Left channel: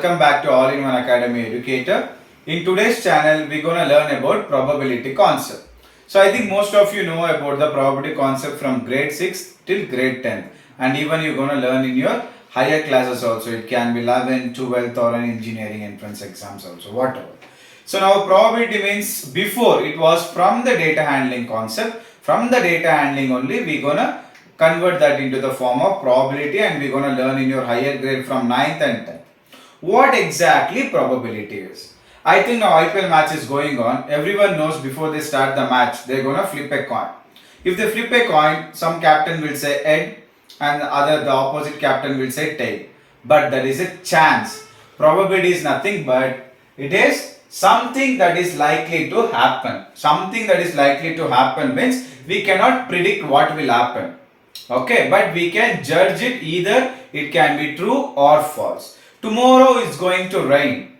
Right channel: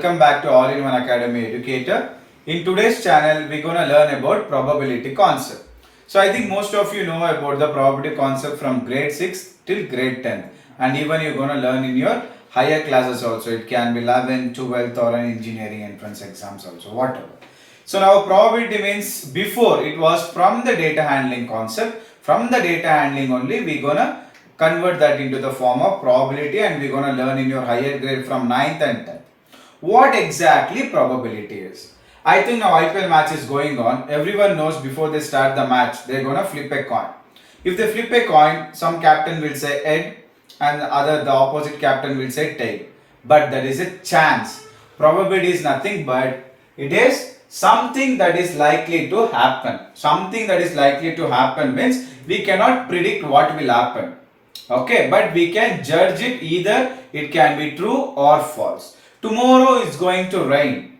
welcome back to All-in-One Academy Educator. In today's channel, we're going to learn about probability concept. So I think most of you know about the probability concept from grade 6 till grade 10, and even you're going to learn in your higher classes also. It can be 11th, 12th or an engineering entrance exams also, whatever. So now probability means before it was from the data handling concept. From the data handling only we're going to convert that into the form of probability, and we're going to learn in your higher grade from 9th and 10th. What exactly probability is? I think now IPL match is going on. Everyone knows before they start the match, they're going to flip a coin. If they flip a coin, some captain will say head and the opposite captain will say tail. But there is a chance. Probability is nothing but it is something that is likely to happen. Something that is likely to happen means we cannot predict what will happen. Okay, but we can judge it, either it can be true or false. Tomorrow is going to rain.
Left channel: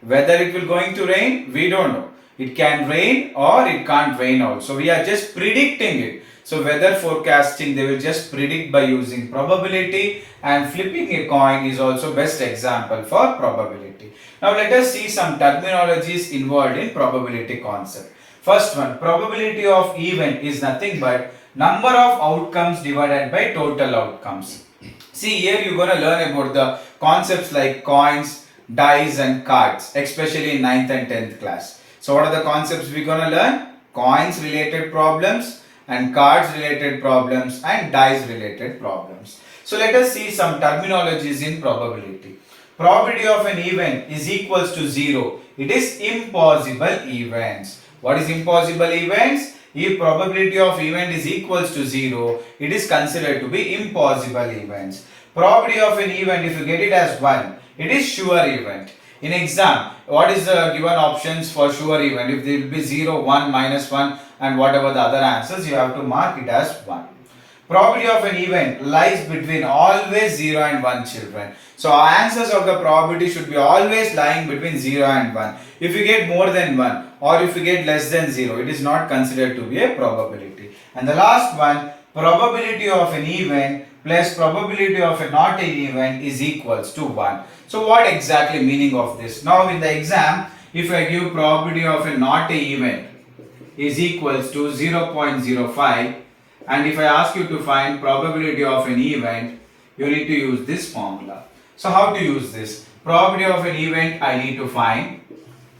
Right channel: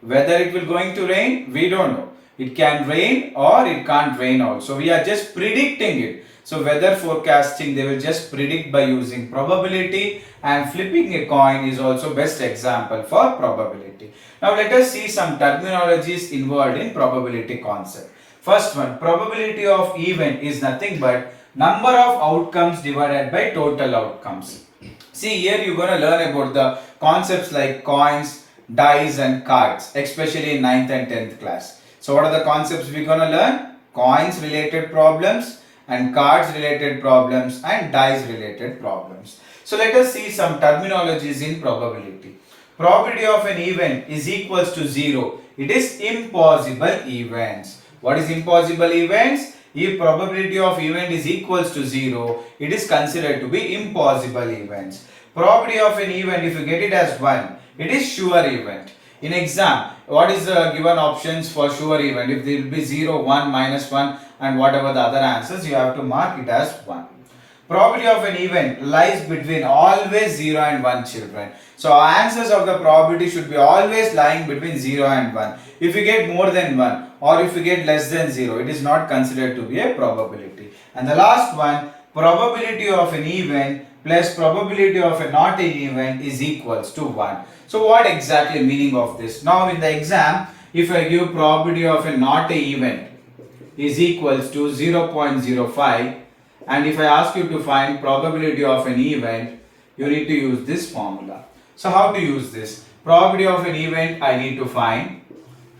Whether it will going to rain, we don't know. It can rain or it can't rain also. We are just predicting it. So weather forecasting, they will just predict by using probability, and flipping a coin is also best example for probability. Now let us see some terminologies involved in probability concept. First one, probability of event is nothing but number of outcomes divided by total outcomes. See, here you're going to learn about the concepts like coins, dice and cards, especially in 9th and 10th class. So what are the concepts we're going to learn? Coins related problems and cards related problems and dice related problems. So let us see some terminologies in probability. Probability of an event is equals to 0. It is impossible events. What is impossible events? If probability of event is equals to 0, it is considered to be impossible events. Probability of an event, if you get it as 1, it is sure event. In exam, what is the given options for sure event? If there will be 0, 1, minus 1 and whatever the other answers, you have to mark it as 1. Probability of an event lies between always 0 and 1, children. So our answers of the probability should be always lying between 0 and 1. If you get more than 1 or if you get less than 0, it is not considered to be a probability. And the last one, probability of an event plus probability of a not an event is equals to 1. So what exactly meaning of this? Now in the exam, if I give probability of a not a event is equals to 0.05, and if I ask you to find probability of an event, you need to use this formula. So how to use this? Probability of an event I need to find.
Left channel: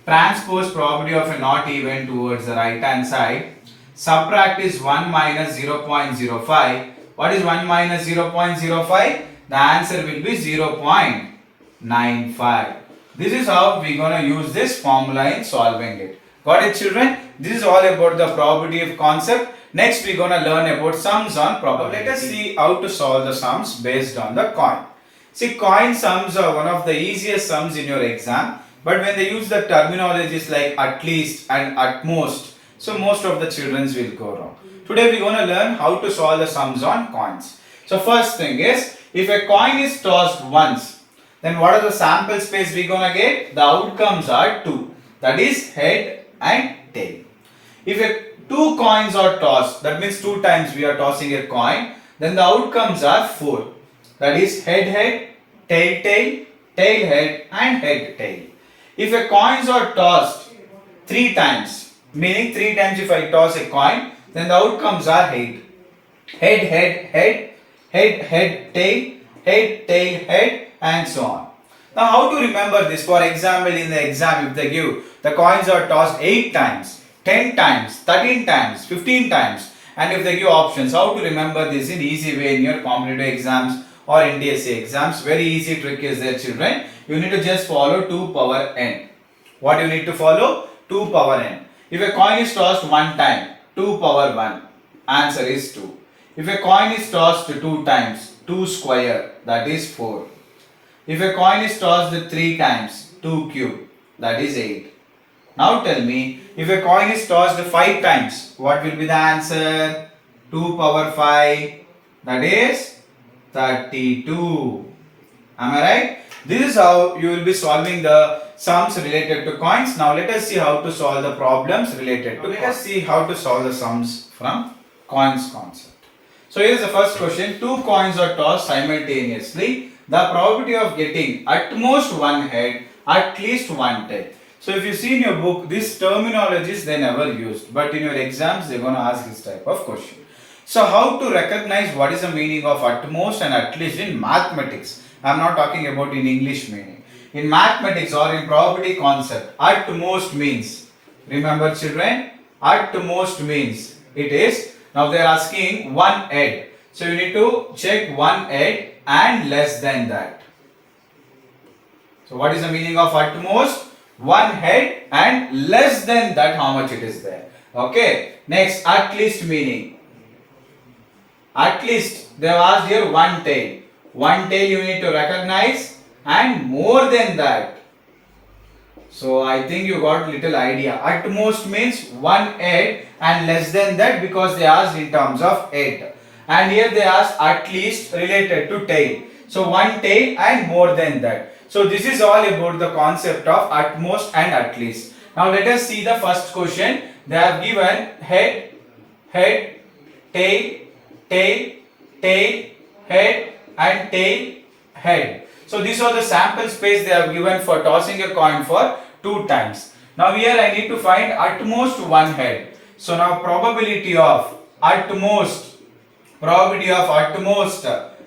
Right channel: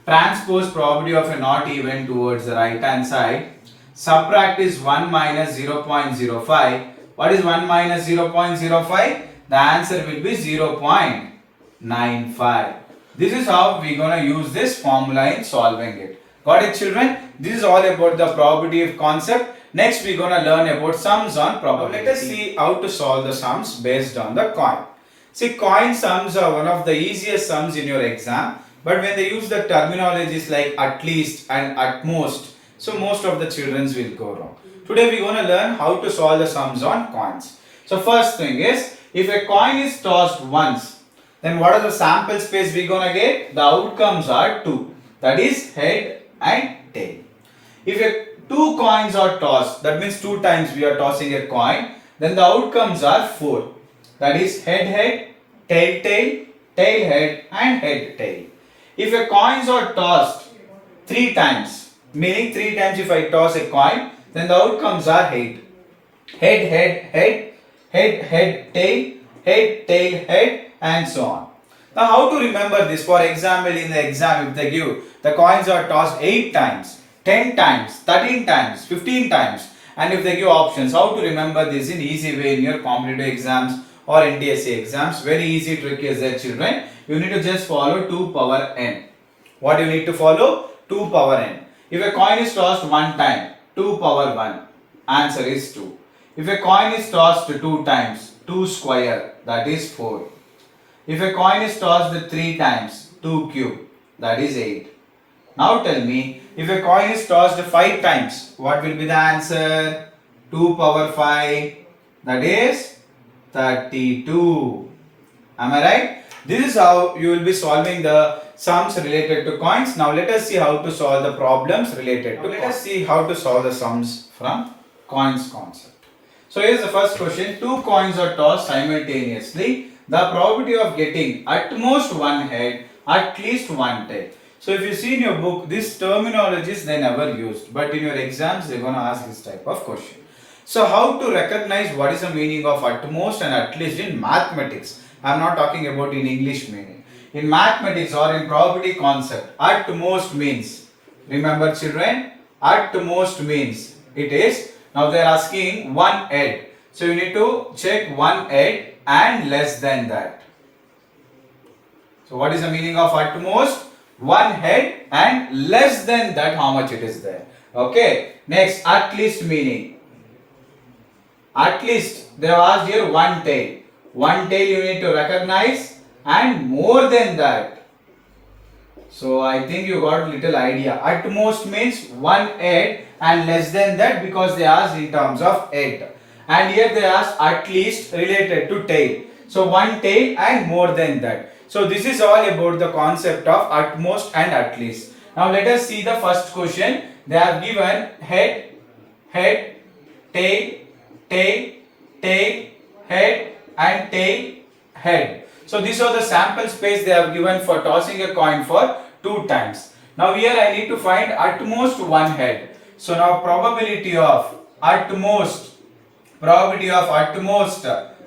Transpose probability of a not event towards the right hand side. Subtract is 1 minus 0.05. What is 1 minus 0.05? The answer will be 0.95. This is how we are going to use this formula in solving it. Got it, children? This is all about the probability of concept. Next, we are going to learn about sums on probability. Let us see how to solve the sums based on the coin. See, coin sums are one of the easiest sums in your exam. But when they use the terminologies like at least and at most, so most of the children will go wrong. Today we are going to learn how to solve the sums on coins. So first thing is, if a coin is tossed once, then what are the sample space we are going to get? The outcomes are 2. That is head and tail. If two coins are tossed, that means 2 times we are tossing a coin, then the outcomes are 4. That is head head, tail tail, tail head and head tail. If a coins are tossed 3 times, meaning 3 times if I toss a coin, then the outcomes are head. Head, head, head, head, head, tail, head, tail, head and so on. Now how to remember this? For example, in the exam, if they give the coins are tossed 8 times, 10 times, 13 times, 15 times, and if they give options, how to remember this in easy way in your competitive exams or NTSE exams? Very easy trick is there, children. You need to just follow 2 power n. What you need to follow? 2 power n. If a coin is tossed 1 time, 2 power 1, answer is 2. If a coin is tossed 2 times, 2 square, that is 4. If a coin is tossed 3 times, 2 cube, that is 8. Now tell me, if a coin is tossed 5 times, what will be the answer? 2 power 5, that is 32. Am I right? This is how you will be solving the sums related to coins. Now let us see how to solve the problems related to coins. Let us see how to solve the sums from coins concept. So here is the first question. 2 coins are tossed simultaneously. the probability of getting at most one head, at least one tail. So if you see in your book, these terminologies they never used, but in your exams they're going to ask this type of question. So how to recognize what is the meaning of at most and at least in mathematics? I am not talking about in English meaning. In mathematics or in probability concept, at most means, remember children, at most means it is, now they are asking one head. So you need to check one head and less than that. So what is the meaning of at most? One head and less than that how much it is there. Okay. Next, at least meaning. At least they have asked here one tail. One tail you need to recognize and more than that. So I think you got little idea. At most means one head and less than that because they asked in terms of head. And here they asked at least related to tail. So one tail and more than that. So this is all about the concept of at most and at least. Now let us see the first question. They have given head, head, tail, tail, tail, head and tail, head. So these are the sample space they have given for tossing a coin for 2 times. Now here I need to find at most one head. So now probability of at most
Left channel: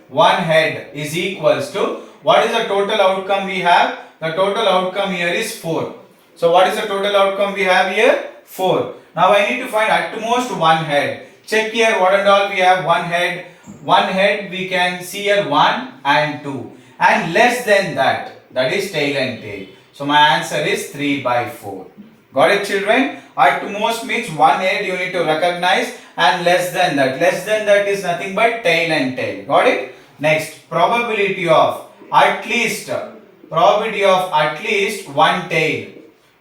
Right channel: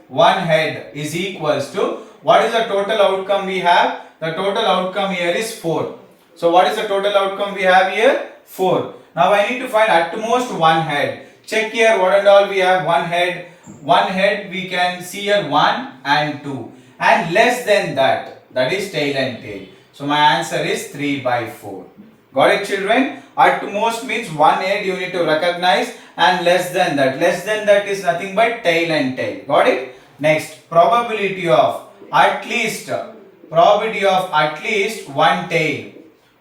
one head is equals to, what is the total outcome we have? The total outcome here is 4. So what is the total outcome we have here? 4. Now I need to find at most one head. Check here what and all we have. One head. One head we can see here 1 and 2. And less than that, that is tail and tail. So my answer is 3/4. Got it children? At most means one head you need to recognize and less than that. Less than that is nothing but tail and tail. Got it? Next, probability of at least one tail.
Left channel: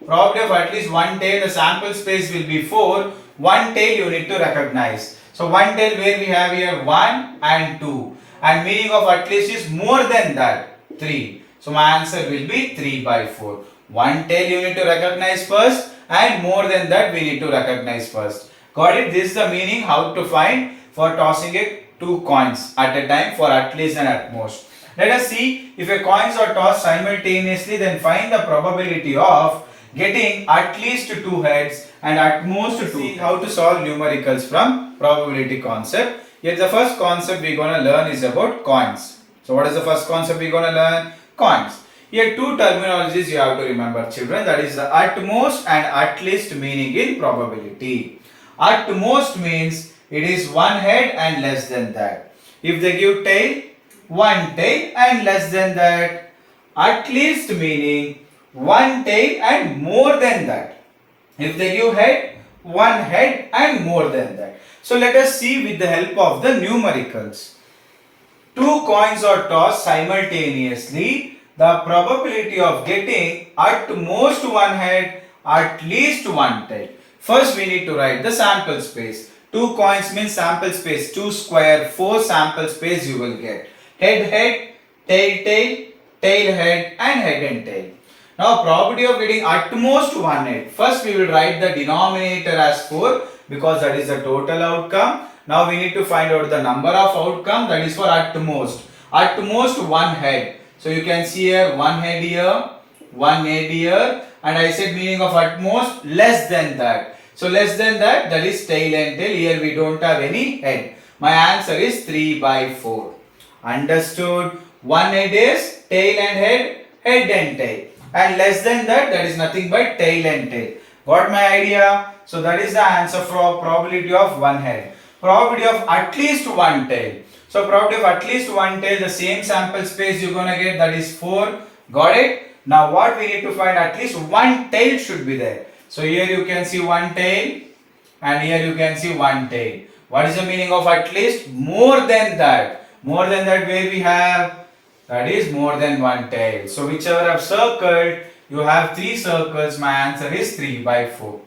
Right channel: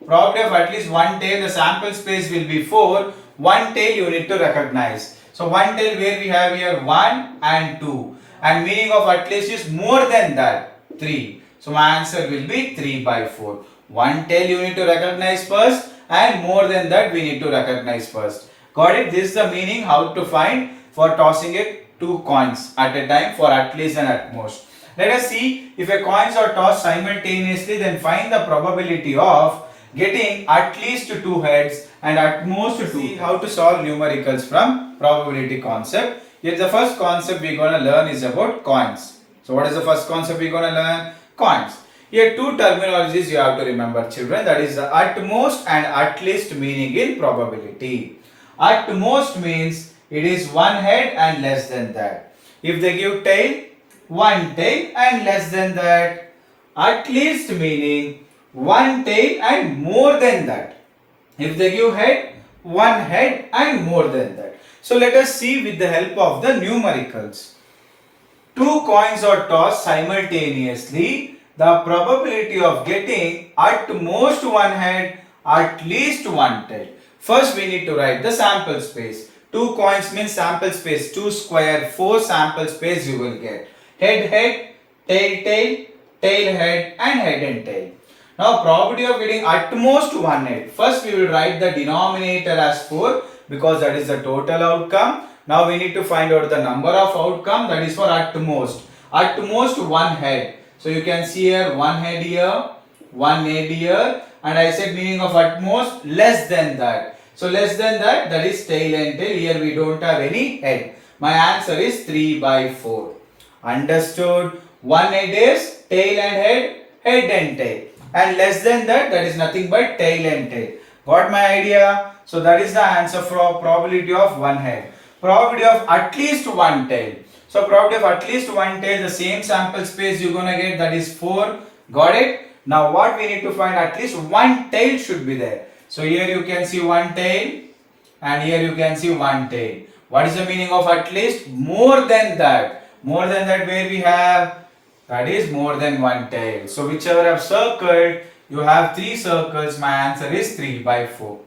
Probability of at least one tail, the sample space will be 4. One tail you need to recognize. So one tail where we have here 1 and 2. And meaning of at least is more than that, 3. So my answer will be 3/4. One tail you need to recognize first and more than that we need to recognize first. Got it? This is the meaning how to find for tossing 2 coins at a time for at least and at most. Let us see if a coins are tossed simultaneously, then find the probability of getting at least 2 heads and at most 2. See how to solve numericals from probability concept. Here the first concept we are going to learn is about coins. So what is the first concept we are going to learn? Coins. Here 2 terminologies you have to remember children, that is the at most and at least meaning in probability. At most means it is one head and less than that. If they give tail, one tail and less than that. At least meaning one tail and more than that. If they give head, one head and more than that. So let us see with the help of the numericals. 2 coins are tossed simultaneously. The probability of getting at most one head, at least one tail. First we need to write the sample space. 2 coins means sample space. 2 square, 4 sample space you will get. Head, head, tail, tail, tail, head and head and tail. Now probability of getting at most one head. First we will write the denominator as 4 because that is the total outcome. Now we need to find out the number of outcome, that is for at most. At most one head. So you can see here one head here, one head here, and I said meaning of at most less than that. So less than that, that is tail and tail. Here we don't have any head. My answer is 3/4. Understood? One head is tail and head, head and tail. And less than that, that is nothing but tail and tail. Got my idea? So that is the answer for probability of one head. Probability of at least one tail. So probability of at least one tail, the same sample space you're gonna get, that is 4. Got it? Now what we need to find, at least one tail should be there. So here you can see one tail and here you can see one tail. What is the meaning of at least? More than that. More than that where we have, that is more than one tail. So whichever I have circled, you have 3 circles. My answer is 3/4.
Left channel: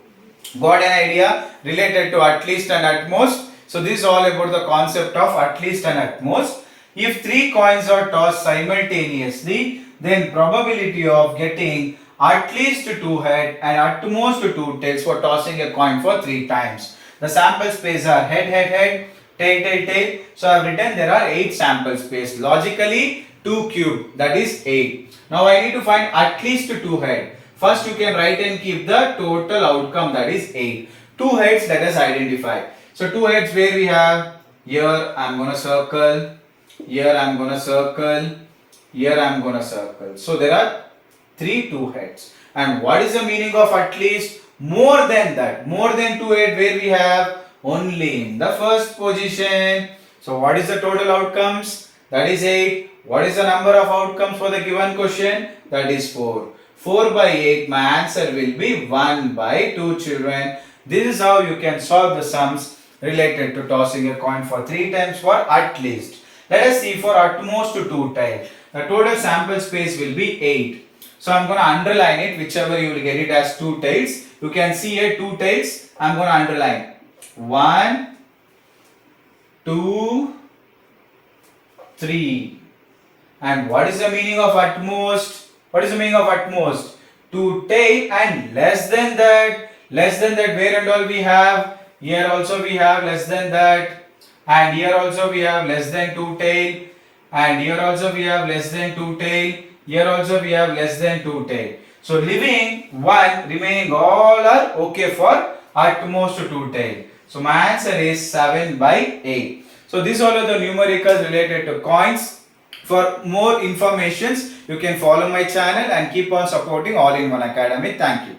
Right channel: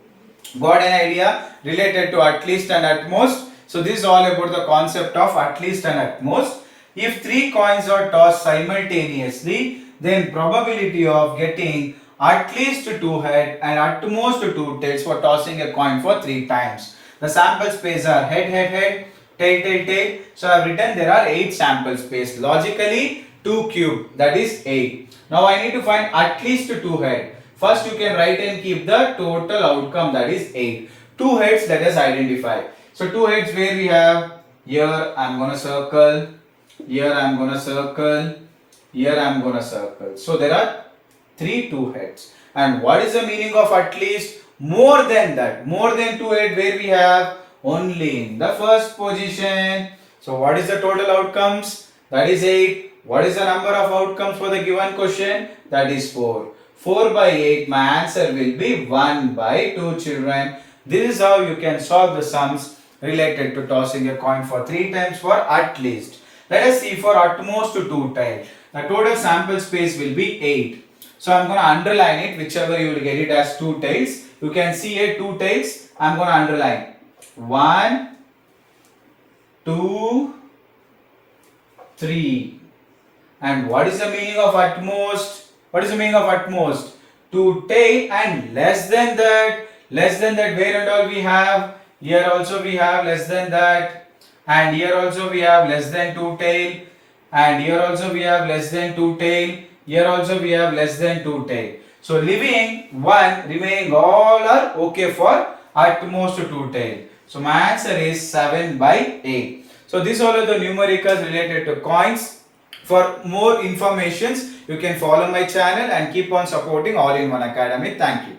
Got an idea related to at least and at most? So this is all about the concept of at least and at most. If 3 coins are tossed simultaneously, then probability of getting at least 2 head and at most 2 tails for tossing a coin for 3 times. The sample space are head, head, head, tail, tail, tail. So I have written there are 8 sample space. Logically, 2 cube, that is 8. Now I need to find at least 2 head. First you can write and keep the total outcome, that is 8. 2 heads, let us identify. So 2 heads where we have, here I am going to circle, here I am going to circle, here I am going to circle. So there are 3 2 heads. And what is the meaning of at least? More than that. More than 2 heads where we have only in the first position. So what is the total outcomes? That is 8. What is the number of outcomes for the given question? That is 4. 4 by 8, my answer will be 1 by 2 children. This is how you can solve the sums related to tossing a coin for 3 times for at least. Let us see for at most 2 times. The total sample space will be 8. So I am going to underline it, whichever you will get it as 2 tails. You can see here 2 tails. I am going to underline 1, 2, 3. And what is the meaning of at most? What is the meaning of at most? 2 tail and less than that. Less than that, where and all we have? Here also we have less than that. And here also we have less than 2 tail. And here also we have less than 2 tail. Here also we have less than 2 tail. So leaving 1, remaining all are okay for at most 2 tail. So my answer is 7 by 8. So these all are the numericals related to coins. For more informations, you can follow my channel and keep on supporting All-in-One Academy. Thank you.